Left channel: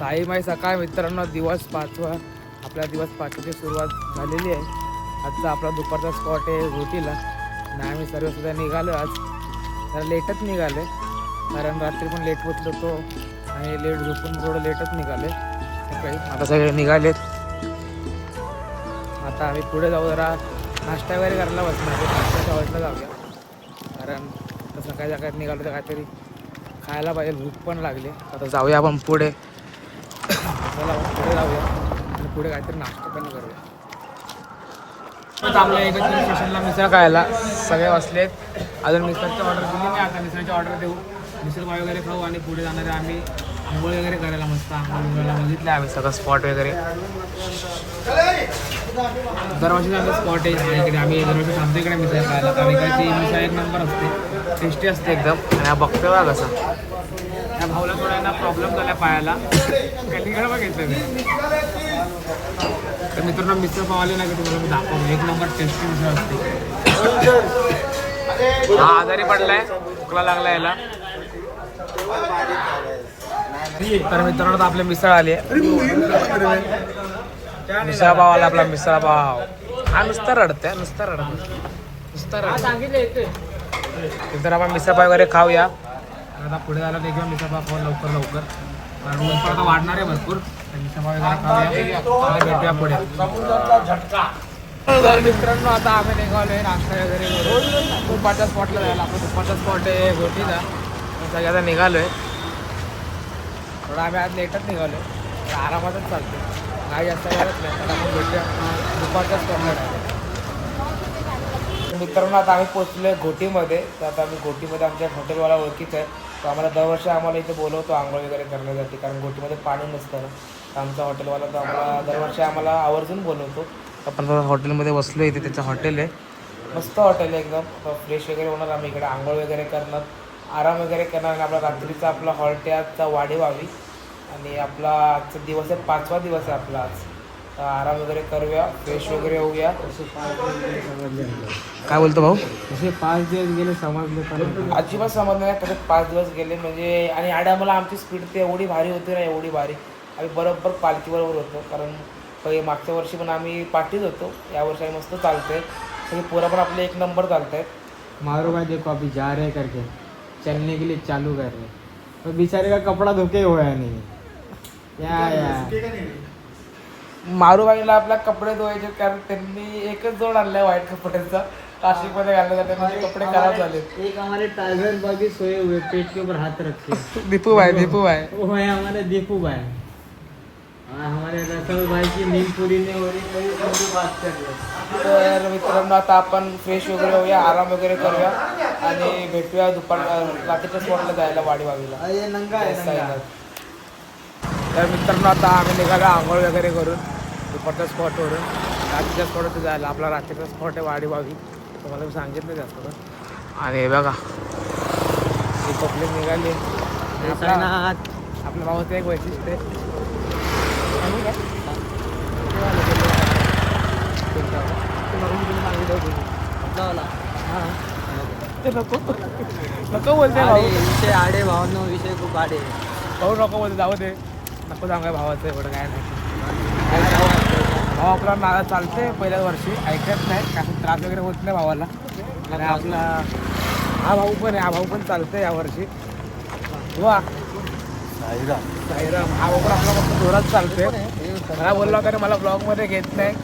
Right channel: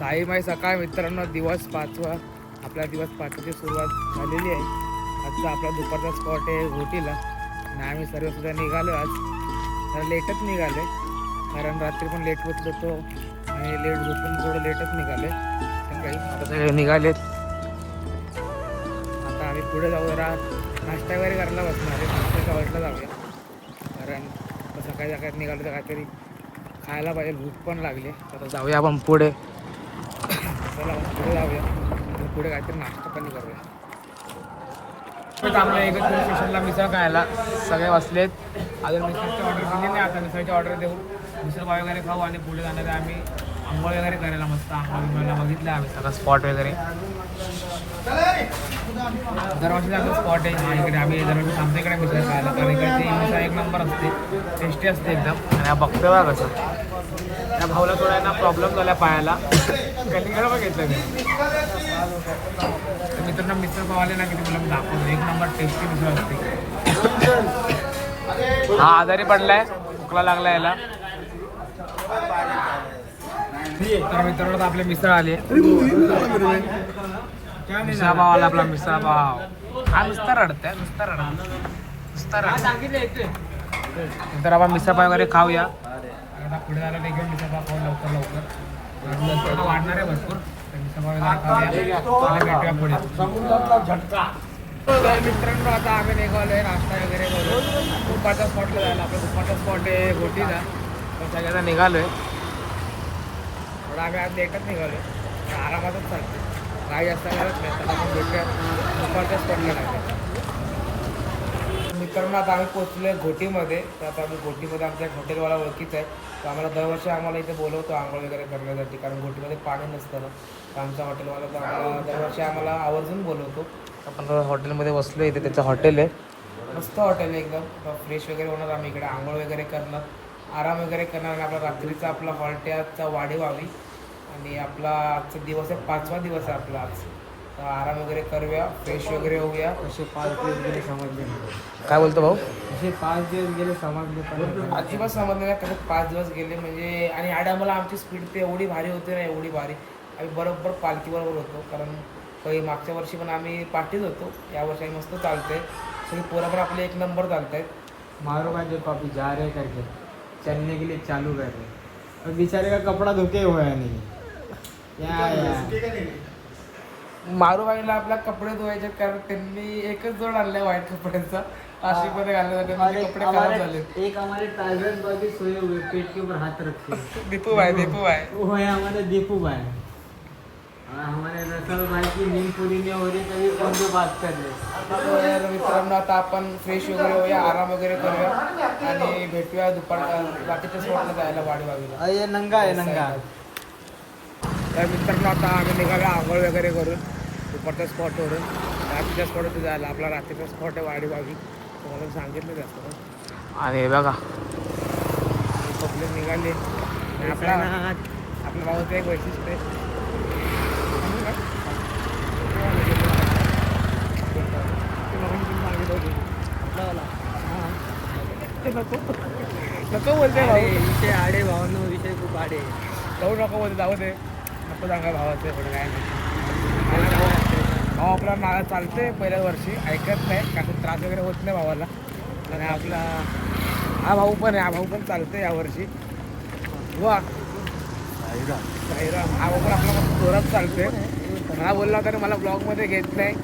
साई माई सकाळ मित्रांनो, दिवस 5वा. आपला दिवस 5ची सुरुवात झालेली आहे. आजचा आपला दुपारचा स्पॉट आहे घोटीला आणि आम्ही सर्वसुद्धा निघालो. आज जरा लेटच निघाले कारण रात्री पण लेट होत होतो आणि लेट झोपून थोडं लेटच निघाले सकाळी. आता सगळे निघालेत. आता आम्ही पुढे जाऊ, जरा नाश्ता वगैरे करायला बसणार आहे. नाश्त्याच्या हॉटेलला जाऊया कारण आता सकाळी सकाळी निघालो तर काहीतरी खायला पाहिजे, भूक पण लागली. आता जाऊया आपण पुढे. चला आपण पुढे जाऊया आणि पुढे काहीतरी नाश्ता पण करूया. आपल्या इकडे स्टेशनला मिसळ खायला सगळे बसलेत. अजून मिसळची ऑर्डर दिली नाही. आता मिसळची ऑर्डर देऊ, मिसळ पाव वगैरे खाऊ आणि पुढे जाणार आहे आम्ही आंघोळ वगैरे करायला. मस्त आंघोळ बघितले आम्ही सगळं स्पॉट वगैरे. दरवर्षीचा आमचा स्पॉट आहे इकडे. आम्ही दरवर्षी थांबतो इकडे मिसळ खायला कारण इकडची मिसळ एक नंबर असते, टेस्टी असते एकदम. आणि हा बघतो बघा कसा, त्या भाऊला थोडा ना प्रॉब्लेम झाला पायाला, कलिंगड बघितलं मी. तर मित्रांनो मिसळ पाव आले ना की तुम्हाला मी दाखवतो, एक नंबर टेस्टी मिसळ असते. हा आजारी पडलाय, खोकला लागला याला. तर मित्रांनो आपले मिसळ आले. मिसळ पाव आला आपला मिसळ पाव. हा नुसता रडतंय, नुसता रडत. तर आपण मिसळ पाव वगैरे खाऊया. आता पुढे जायला देखील मिसळ पाव खाऊ लवकर कारण लवकर आता वाढणार आहे भरपूर. मिसळ पाव वगैरे खाऊया आणि भेटूया पुढे. तर मित्रांनो आता आम्ही निघालो आहे नाश्ता वगैरे करून दुपारच्या स्पॉटला जायला. आपला दुपारचा स्पॉट आहे घोटीचा. सगळे आता निघालो आहे. थोडं आम्ही आज लेटच निघालो आहे, आरामातच चालतो, काही जास्त करत नाही. आता आपण भेटूया दुपारच्या स्पॉटला डायरेक्ट. मित्रांनो आता आम्ही पोचलो घोटीमध्ये. तर आता आम्ही घोटीमध्ये आमच्या हॉटेलवाला ओळखीचा आहे. तो आम्हाला दरवर्षी आम्हाला इथे बोलवतो आंघोळ वगैरे करण्यासाठी कारण घोटीमध्ये पाणी नसतं ना. तर आमचा हॉटेलवाला तो आम्हाला दरवर्षी आम्हाला आवर्जून बोलवतो. आपण हॉटेलमध्ये बसलो, इथे त्याचं हॉटेल आहे, मस्त हॉटेल आहे एकदम. आता फ्रेश वगैरे होणार, आम्ही इकडे आंघोळ वगैरे करणार, आराम वगैरे करणार आणि आपला रात्रीचा आपला हॉल्ट आहे आजचा वाडेवावी. आणि आपला आजचा दिवस आहे 5वा दिवस आहे आपला आज. तर आराम वगैरे करूया, फ्रेश वगैरे होऊया. काय बोलतो भाऊ? असे 5 दिवस गेले समजले अजिबात समजलं नाही कसे 5 दिवस गेले म्हणजे. आणि आम्हाला आमची स्पीड तर एवढी भारी होती ना, एवढी भारी. आम्ही बरोबर पालखीबरोबर होतो कारण पहिले मागच्या वर्षी पण आम्ही पाठीत होतो, यावर्षी आम्ही मस्त चालतोय. सगळी पोरं पण आपले एक नंबर चालत आहेत. मारूगा देखो अभी जा रहे करके चलने के लिए चालू कर रहे, तो बेचारे का कपड़ा धोके हुआ नहीं मारू बाईला आपला कपडे धुवायचे कारण त्यांनी एकच जोड आणलाय व्हाईट कपड्यांचा. नाशिकमध्ये घालण्यासाठी म्हणजे कपडे खराब झाले. एक हमारे टाइगर बाबी सोए हुए पेट के ऊपर हाथ रखे. दीपू भाई वो है हमारे दीपू भाई. हमारे रसल भाई की नींद पूरी नहीं हो रही, कभी बात कर रहे. तर मित्रांनो आता आपण फ्रेश वगैरे होऊया, आराम वगैरे करूया आणि भेटूया दुपार रात्रीच्या स्पॉटला जायला वाडीवावीला. तर मित्रांनो आता आम्ही निघालो आंघोळ वगैरे करून दुपारच्या स्पॉटवरून रात्रीच्या स्पॉटवर जायला. आपला रात्रीचा स्पॉट आहे वाडीवावी, तुम्हाला मी सांगितलं जास्त पण. आणि बघा पब्लिक निघाली. आणि आपल्या भावाचं एक वैशिष्ट्य आहे, सांगू काय ते मग तुम्ही सांगितलं होतं. हां ते नको बोलते भाऊ, विषय आडे भावनो विषय खूप आडे. भाऊ नको बोलते, जाऊ दे, नको सांगा भावाचं एवढं काय नाही. भाऊ आपला ना चालते पहिल्याच वर्षी, ऐकत नाही, काय त्रास वगैरे होत नाही भावाला. आणि आपला हा भाऊ पण आहे, हा भाऊ पण चालतंय यावर्षी. वा साईराम, हा भाऊ पण आपला फक्त जोरात चालतोय. मला बोलला होता मला ब्लॉगमध्ये घेत नाही.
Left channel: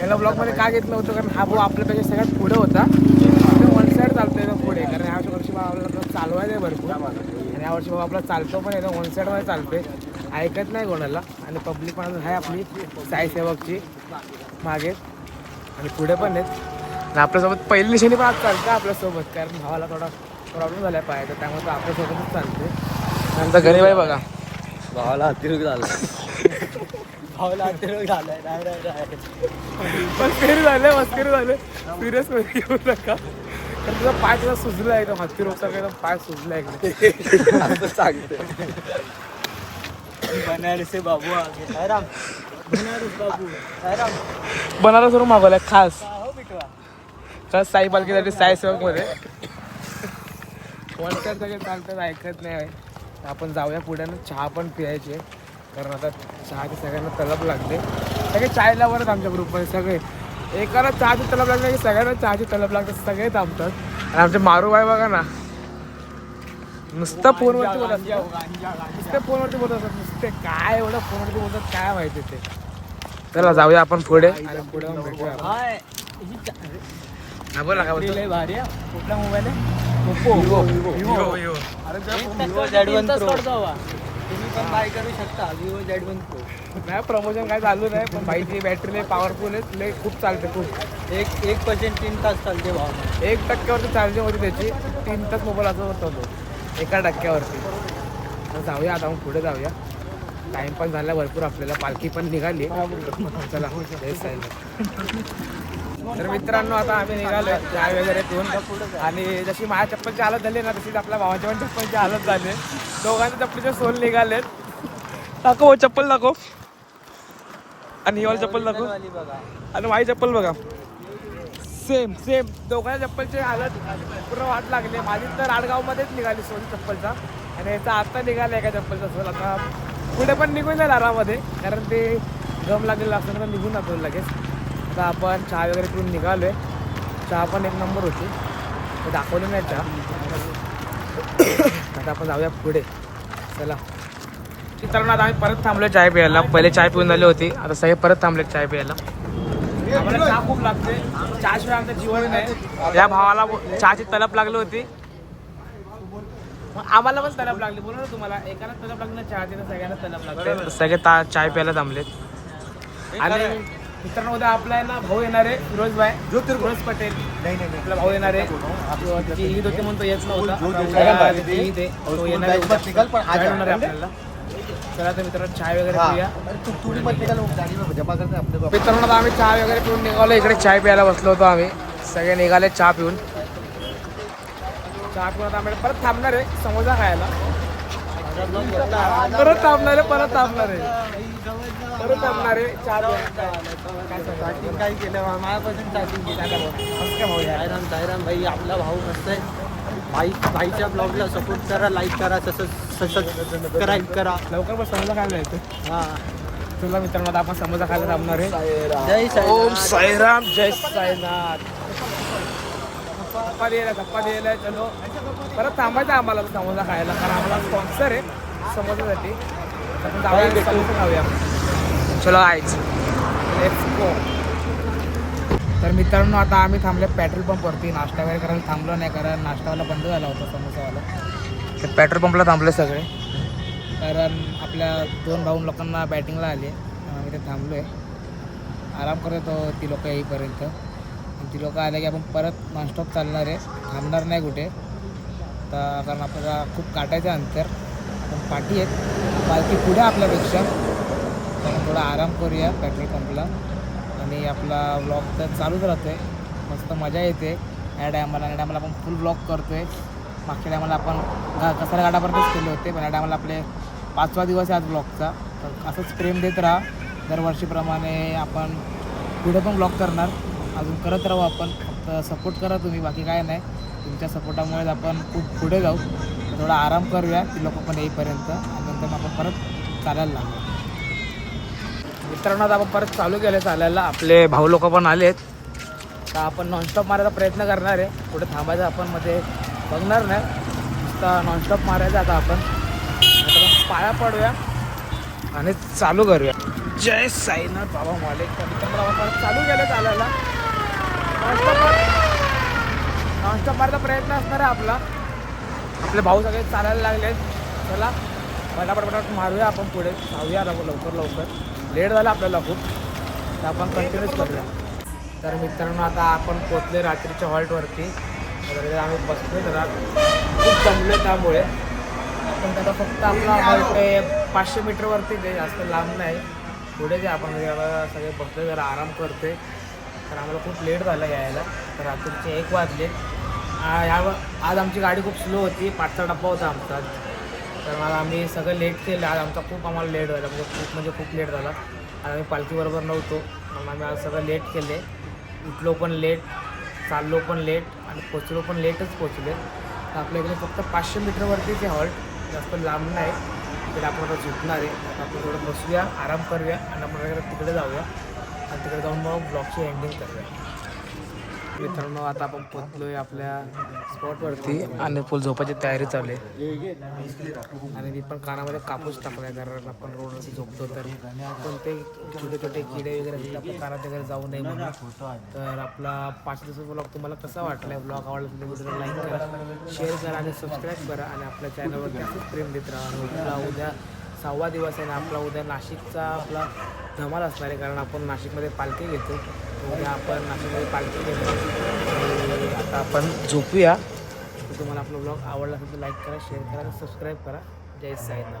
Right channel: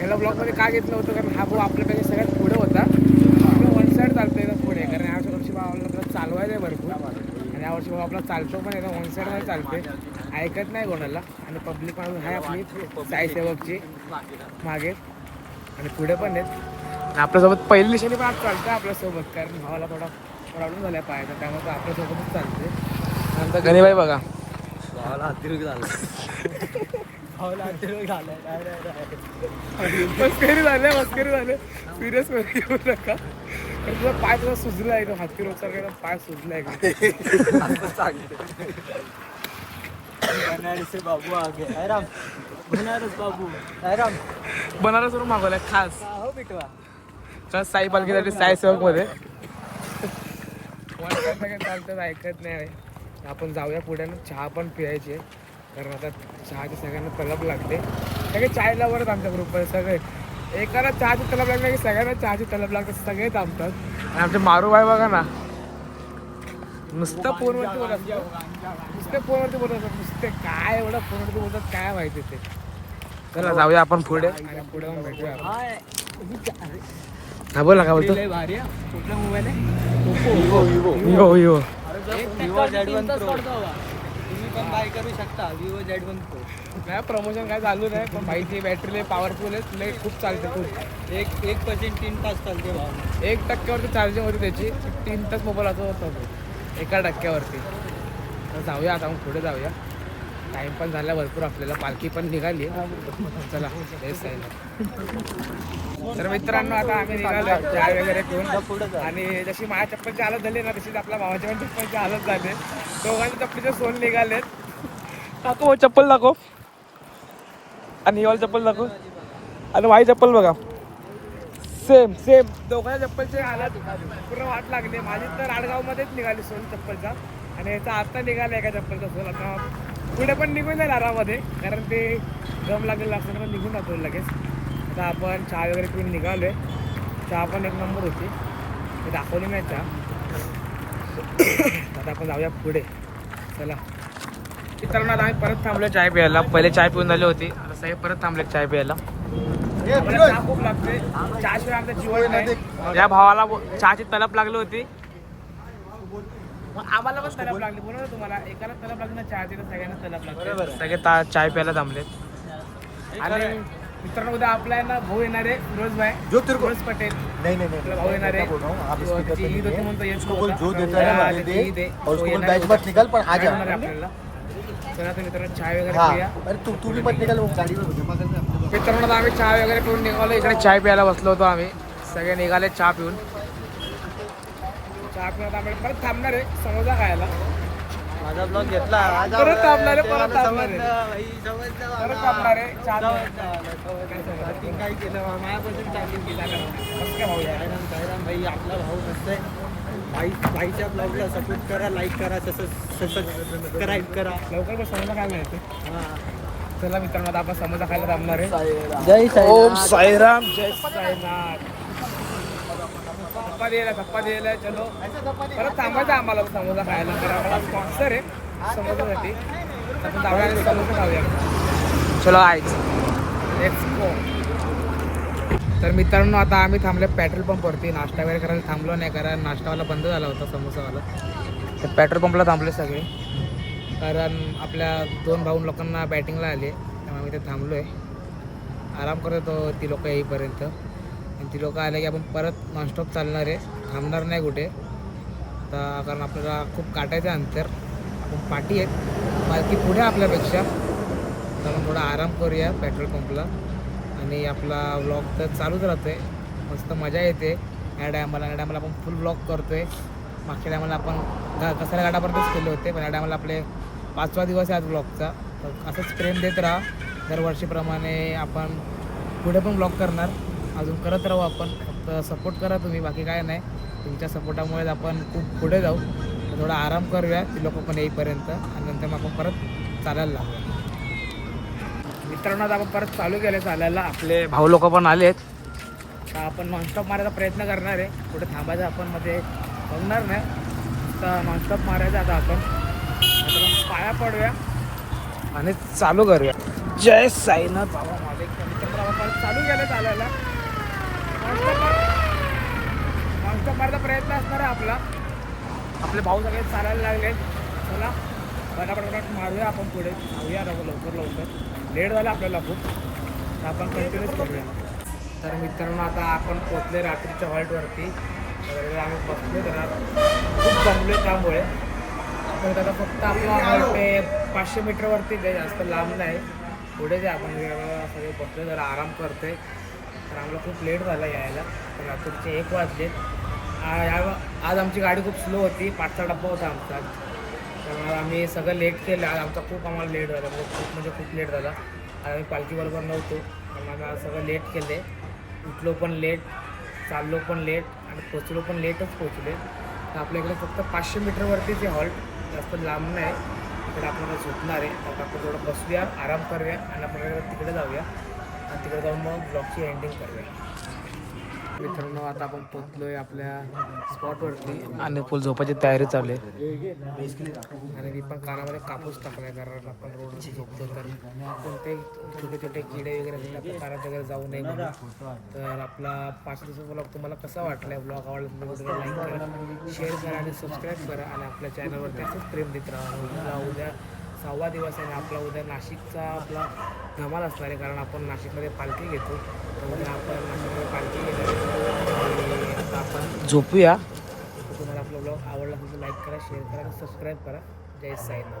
याला ब्लॉगमध्ये का घेत नव्हतं कारण हा भाऊ आपल्यापेक्षा सगळ्यात पुढे होता. एकदम वन साईड चालतोय एकदम पुढे कारण ह्या वर्षी भाऊ आपल्याला चालवायचं आहे भरपूर. आणि यावर्षी भाऊ आपला चालतो पण एकदम वन साईडमध्ये चालते, ऐकत नाही कोणाला. आणि पब्लिक पण आहे आपली साई सेवकची मागे आणि पुढे पण आहेत. आणि आपल्यासोबत पहिली निशाणी पण आज चालतं आपल्यासोबत कारण भावाला थोडा प्रॉब्लेम झाला पाहिजे, त्यामुळे तो आपल्यासोबतच चालते. नंतर गणेबाई बघा, भावाला अतिरोग झाला. भावाला अतिरोग झालाय. मस्करी झाले सिरियस घेऊ नका कारण तुझा पाय तुझा सुजला एकदम, हत्ती रोग सारखा एकदम पाय सुजला एकदम. बनारस बाबू बनारस बाबू बनारसवरून मागवलाय खास साई पालखीसाठी साई सेवकमध्ये. सगळे चालतात, ऐकत नाही. आपण जाऊया पुढे ना, चहा पण पियायचे. कारण आता चहाची सगळ्यांना तलब लागले. सगळे चायला वरच आमच्या ग्रुपमध्ये सगळे एकाला चहाची तलब लागली की सगळ्यांना चहाची तलब लागते, सगळे थांबतात. आणि आमचे मारूबाई बघा ना नुसतं फोनवरती बोलत असतात, नुसते फोनवरती बोलत असतात, नुसते काय एवढं फोनवरती बोलतात काय माहिती ते. चला जाऊया आपण पुढे आणि पुढे जाऊन भेटूया आपण. हा बोला का बोलतो. भारी आहे. कुठला मोबाईल आहे? Vivo Vivo Vivo Z1 Pro. तुम्ही पण बाय करू शकता Vivo Z1 Pro. नाही प्रमोशन काय चालू नाही, पण बाईची बॅटरी लय पॉवरफुल आहे, लय खूप चालते खूप. 1% 3 तास चालते भाव. 1% चार्जिंग होती त्याची, 3 तास मोबाईल असं होता तो 1% तर जाऊया आता आपण पुढे जाऊया. टाइम पण झाला भरपूर आपल्याला, पालखी पण निघाली. चला जय साईनाथ. तर मित्रांनो आता आम्ही निघालोय चाय वगैरे पिऊन. आणि जशी माझ्या चप्पलची हालत झाली ना तशीच आपल्या भावाच्या पण चप्पलची हालत झाली. दोघांच्या चप्पलचे सोल निघालेत. दाखव चप्पल दाखव, आणि ही वाली चप्पल दाखव, आणि माझी चप्पल बघा सेम सेम. दोघांच्या चप्पलची हालत पूर्ण वाट लागली. माझी तर आडगावमध्येच निघाली सोल चप्पलचा, आणि याचा आता निघाला एका चप्पलचा सोल. आता पुढे पण निघून जाईल आरामध्ये, कारण ते गम लागलेलं असतं तर निघून जातो लगेच. आता आपण चहा वगैरे पिऊन निघालो आहे. चहा पण एक नंबर होती, ते दाखवली नाही चहा. आता आपण जाऊया पुढे. चला मित्रांनो आता आम्ही परत थांबलो चाय प्यायला. पहिले चाय पिऊन झाली होती, आता सगळे परत थांबले चाय प्यायला. आम्हाला चहा खूप लागते, चहाशिवाय आमचं जीवन नाही. या भावाला चहाची तलब लागली होती, आम्हाला पण तलब लागली. बोला ना तुम्हाला, एकाला तलब लागली ना चहाची तर सगळ्यांना तलब लागते. सगळे चाय प्यायला थांबलेत. आणि मित्रांनो उद्या आपला आहे ना भाऊ येणार आहे, फिरोज पटेल आपला भाऊ येणार आहे. त्याची ईद होती म्हणून तो येत नव्हता. उद्या त्याची ईद आहे, तो येणार आहे उद्या, जॉईन होणार आहे आपल्याला. चला तर मित्रांनो चाय वगैरे पिऊया. मित्रांनो आता आम्ही चहा वगैरे पिऊन निघालो. इकडे चाय प्यायला बसलो होतो आम्ही, सगळे निघाले चहा पिऊन. चहा पिऊन आता आम्ही परत थांबणार आहे समोसा खायला. परत थांबणार आहे परत थांबणार आहे चहा काय केलं माझ्यापासून टायपिंग केलं. मस्त काय भाऊ यार. सायराम भाई आपला भाऊ मस्त आहे. भाईच्या ब्लॉगला सपोर्ट करा, लाईक करा, तसंच सबस्क्राईब करा. लवकर पण समोसा खायला जायचं. हां चला मित्रांनो आता आपण समोसा खायला थांबणार आहे. जय ओम साईराम जय साईनाथ. धप्पा द्यायला चलो. परत थांबायचं आम्हाला समोसा खायला, कारण आम्हाला स्पॉन्सर आहे समोसासाठी. आपण जाऊया आणि समोसा खाऊया. चलो आयच लेट्स गो. तर मित्रांनो आता आम्ही थांबले पेट्रोल पंपवरती. नाश्ता वगैरे करायला थांबलो नाही, कारण नाश्तावाला बंद झाला होता समोसावाला. तर पेट्रोल पंपला थांबले सगळे, कारण आपल्या 2 भाऊ लोकांना बॅटिंगला आले, त्यामुळे आम्ही ते थांबलो आहे. आराम करत होतो ती लोक येईपर्यंत. आणि ती लोक आले की आपण परत नॉनस्टॉप चालणार आहे, थांबणार नाही कुठे आता, कारण आपल्याला खूप काटायचं अंतर. आपण पाठी आहेत, पालखी पुढे आपल्यापेक्षा, कारण थोडा आराम करूया पेट्रोल पंपला. आणि आपला व्लॉग तर चालूच राहतो आहे, मस्त मजा येते. या टायमाला आपण फुल व्लॉग करतो आहे. मागच्या टायमाला आपण कसारा घाटापर्यंतच केले होते, पण या टायमाला आपले 5वा दिवस आहे आज व्लॉगचा. तर असंच प्रेम देत राहा दरवर्षीप्रमाणे. आपण पुढे पण व्लॉग करणार, अजून करत राहू आपण. फक्त सपोर्ट करा तुम्ही, बाकी काय नाही. तुमच्या सपोर्टामुळेच आपण खूप पुढे जाऊ. तर थोडा आराम करूया ती लोक पण येईपर्यंत, आणि नंतर मग आपण परत चालायला लागू. मित्रांनो आता आपण परत चालू केलं चालायला. आपले भाऊ लोक पण आलेत. तर आपण नॉनस्टॉप मारायचा प्रयत्न करणार आहे. कुठे थांबायचं आपण मध्ये बघणार नाही, नुसता नॉनस्टॉप मारायचा. आता आपण पाया पडूया आणि चालू करूया. जय साईनाथ बाबा मालिक. मित्रांनो आपण परत चालू केलं चालायला. नॉनस्टॉप मारायचा प्रयत्न असणार आहे आपला. आपले भाऊ सगळे चालायला लागलेत. चला पटापट मारूया आपण पुढे, जाऊया लवकर. लेट झाला आपल्याला खूप, तर आपण कंटिन्यूच करूया. तर मित्रांनो आता आपण पोचले रात्रीच्या हॉल्टवरती. तर आम्ही बसलो जरा, खूप जमलो त्यामुळे. आपण आता फक्त आपला हॉल्ट आहे 500 मीटरवरती आहे, जास्त लांब नाही. पुढे जे आपण सगळे बसले जरा आराम करतोय. तर आम्हाला खूप लेट झाला यायला. तर रात्रीचे 1 वाजले. आज आमची गाडी खूप स्लो होती, 5चा डब्बा होता आमचा. तर मग आम्ही सगळं लेट केलं आज. आम्हाला लेट झाला, खूप लेट झाला. आज आम्ही पालखीबरोबर नव्हतो, मग आम्ही आज सगळं लेट केले. उठलो पण लेट, चाललो पण लेट, आणि पोचलो पण लेटच पोचले. तर आपल्या इकडून फक्त 500 मीटरवरतीच आहे हॉल्ट, जास्त लांब नाही. तर आपण आता झोपणार आहे. तर आपण थोडं बसूया, आराम करूया आणि आपण तिकडे जाऊया आणि तिकडे जाऊन मग ब्लॉगची एंडिंग करूया. मित्रांनो आता आपण पोचलोय आपल्या स्पॉटवरती आणि फुल झोपायची तयारी चालू आहे. आणि मी पण कानामध्ये कापूस टाकलाय कारण आपण रोडवरती झोपतो तर कोणते छोटे छोटे किडे वगैरे असतील आपल्या कानात वगैरे जाऊ नये म्हणून. तर आपला 5 दिवसाचा ब्लॉग तुम्हाला कसा वाटला? ब्लॉग आवडला तर व्हिडिओला लाईक करा, शेअर करा आणि सबस्क्राईब करा आणि आपल्या चॅनलवरती असंच प्रेम देत राहा. आणि आपला उद्या 6वा दिवस आहे आणि आपला उद्या नाशिकचा आपला धमाल असणार आहे कारण आपण नाशिकमध्ये पालखी घेतो. तर उद्या आपण नाशिकमध्ये पालखी घेणार आहे आणि आता आपण झोपूया. तर तुम्हाला आपला ब्लॉग आवडला असेल तर लाईक करा, शेअर करा आणि सबस्क्राईब करा. जय साईनाथ.